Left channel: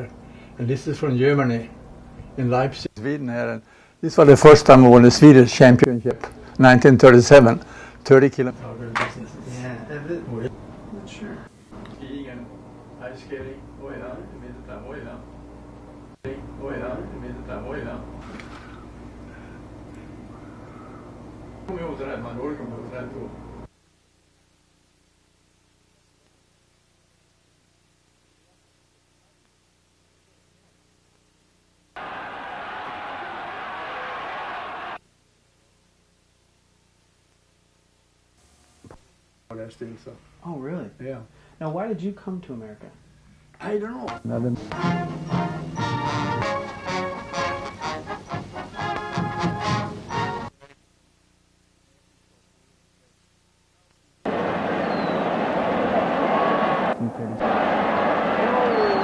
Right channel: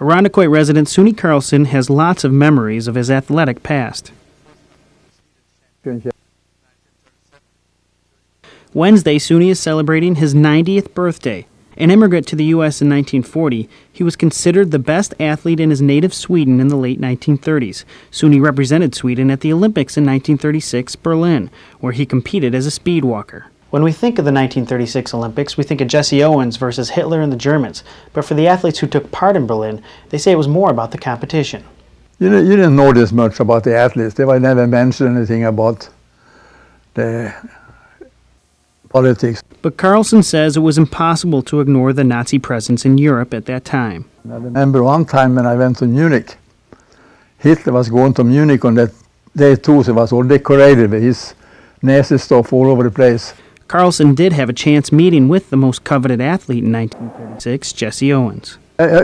Arundequoit resident Suni Carlson has lots of memories of his athletic past. This was the first time I won the Swedish championship, 1937, 30 kilometers. Wednesday, Suni is celebrating his 90th birthday. An immigrant to the U.S. in 1940, he was considered the best athlete in his native Sweden in the late 1930s. Suni represented Sweden at the Olympics in 1936 Berlin, where he competed as a speed walker. When we think of the 1936 Olympics, we think of Jesse Owens versus Hitler and the Germans. But for the athletes who took part in Berlin, they say it was more about the competition. You didn't know this much about the athletes. They never mentioned anything about the politics. But Carlson says it was impossible to ignore the Nazi presence in Europe at that time. I remember one time when I went to Munich. Hitler was going to Munich on that day too, so it was all decorated with his Nazi stuff all over the place. Carlson did have a chance meeting with the most coveted athlete in 1936, Jesse Owens.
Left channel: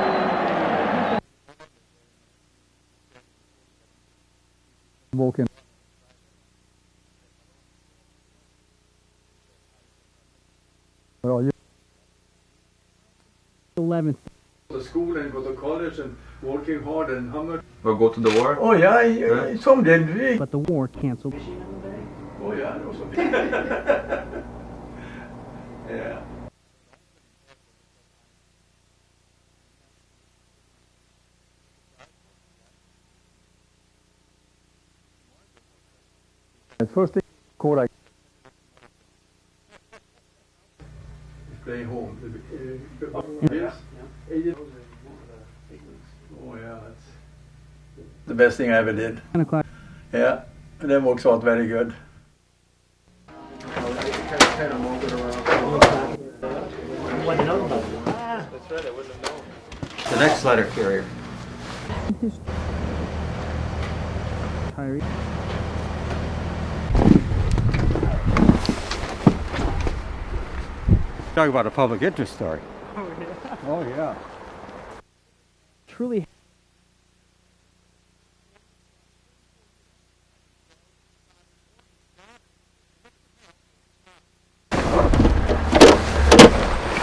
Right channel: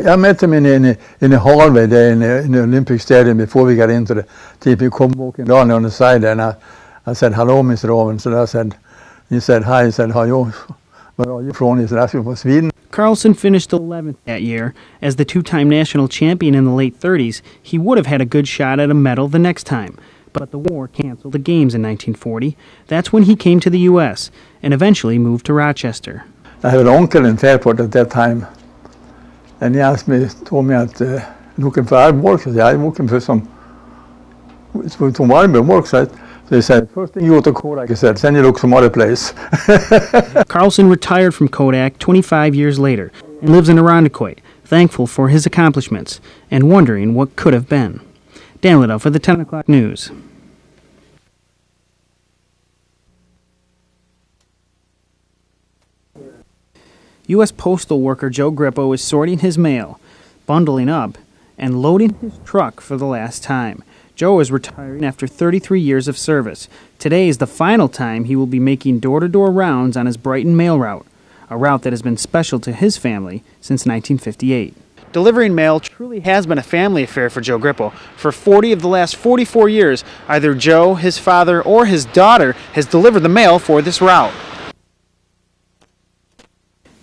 I met him in the hallway there in the Olympic Stadium before we got into the team. He come walking down on the side there, and I said, "Hello, Mr. Owens." And he said, "Hi." He said, "How are you? Where are you from?" He said, "I'm from Sweden." Carlson finished 11th that year. As the two-time national champion in the late 30s, he would have had a good shot at a medal the next time. But the war canceled the games in 1940. That's when he came to the U.S. and eventually moved to Rochester. I had an uncle in Fairport at that time, and he told me that looking for work. I said, "I'm looking for some work." So they said, "First thing you go to Kodak," he said, "then you look some other place." Carlson retired from Kodak 25 years later and lives in Arundequoit, thankful for his accomplishments and wondering what could have been. Dan Liddell for the 10 o'clock news. Yeah, that works out very good. U.S. postal worker Joe Grippo is sorting his mail, bundling up, and loading his truck for the last time. Joe is retiring after 33 years of service. Today is the final time he will be making door-to-door rounds on his Brighton mail route, a route that has been special to his family since 1958. Delivering mail truly has been a family affair for Joe Grippo. For 40 of the last 44 years, either Joe, his father, or his daughter has delivered the mail for this route.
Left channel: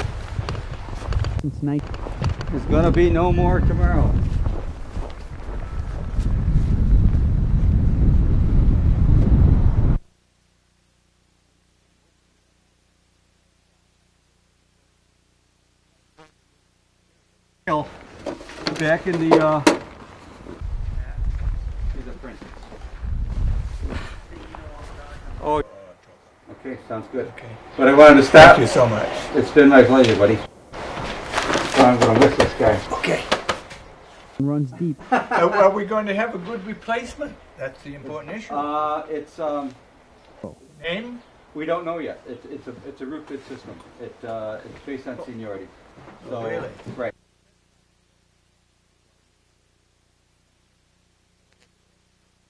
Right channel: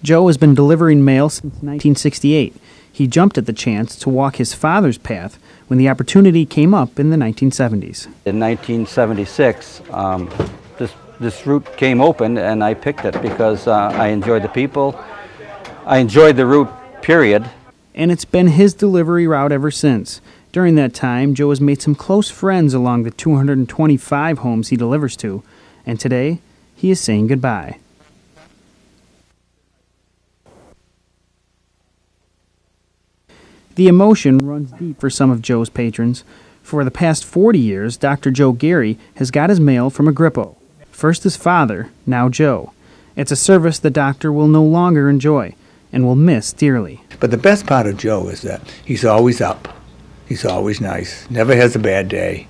Joe has been delivering mail since 1968. He jumped at the chance to walk his father's path when the opportunity came up in the 1970s. In 1976, this route came open, and I picked it because I enjoyed the people. I enjoyed the route, period. And it's been his delivery route ever since. During that time, Joe has made some close friends along the 225 homes he delivers to. And today, he is saying goodbye. But I wanted to stop. Thank you so much. It's been my pleasure, buddy. I'm going to miss this guy. Okay. The emotion runs deep for some of Joe's patrons. For the past 40 years, Dr. Joe Gary has got his mail from a Grippo. First his father, now Joe. It's a service the doctor will no longer enjoy and will miss dearly. But the best part of Joe is that he's always up. He's always nice, never has a bad day.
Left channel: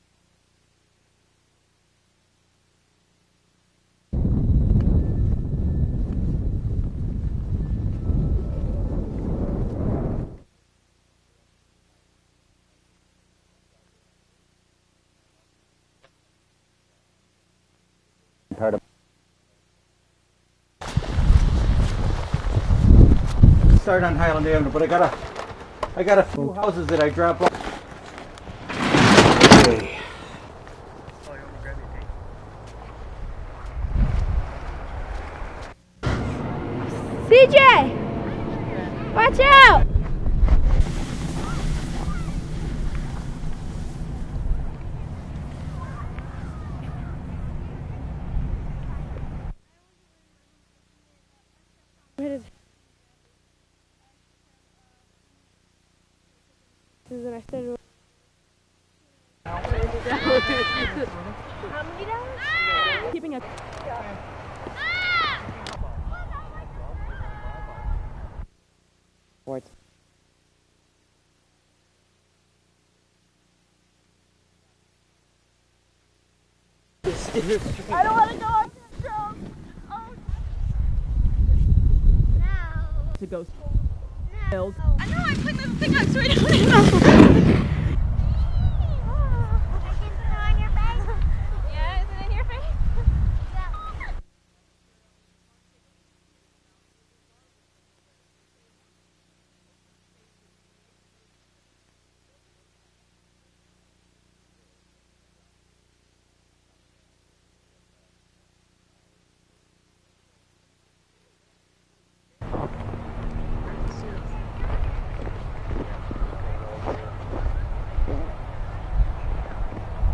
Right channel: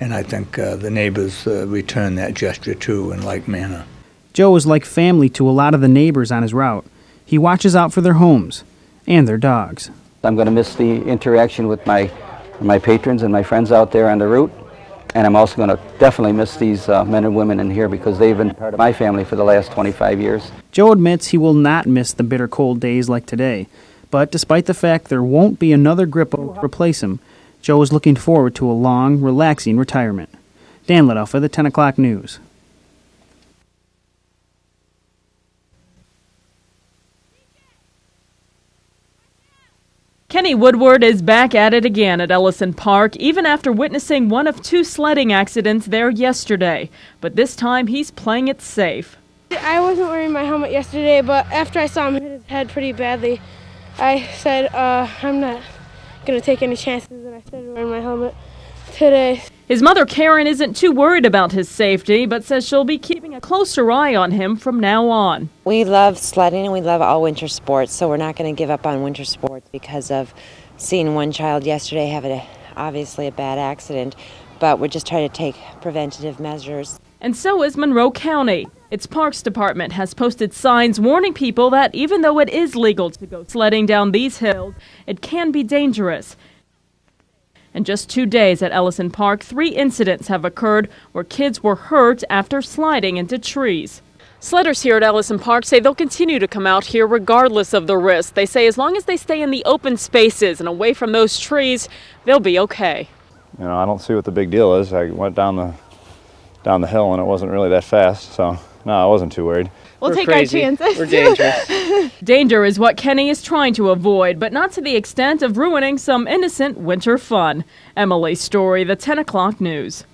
And I think the neighbors return that gesture too in like manner. Joe is like family to a lot of the neighbors on his route. He watches out for their homes and their dogs. I'm going to miss the interaction with my patrons and my friends out there on the route. And I'm also going to definitely miss these men and women in here because they've been part of my family for the last 25 years. Joe admits he will not miss the bitter cold days like today. But despite the fact there won't be another Grippo to replace him, Joe is looking forward to a long, relaxing retirement. Dan Liddell for the 10 o'clock news. CJ! Watch out! Kenny Woodward is back at it again at Ellison Park, even after witnessing one of two sledding accidents there yesterday. But this time he's playing it safe. I wasn't wearing my helmet yesterday, but after I saw him hit his head pretty badly, I said, I'm not going to take any chances, and I started wearing my helmet today. His mother Karen isn't too worried about his safety, but says she'll be keeping a closer eye on him from now on. We love sledding and we love all winter sports, so we're not going to give up on winter sports because of seeing one child yesterday have obviously a bad accident. But we're just trying to take preventative measures. And so is Monroe County. Its Parks Department has posted signs warning people that even though it is legal to go sledding down these hills, it can be dangerous. In just 2 days at Ellison Park, 3 incidents have occurred where kids were hurt after sliding into trees. Sledders here at Ellison Park say they'll continue to come out here regardless of the risk. They say as long as they stay in the open spaces and away from those trees, they'll be okay. You know, I don't see what the big deal is. I went down the hill and it wasn't really that fast, so no, I wasn't too worried. We'll take our chances. We're dangerous. Danger is what Kenny is trying to avoid, but not to the extent of ruining some innocent winter fun. Emily Story, the 10 o'clock news.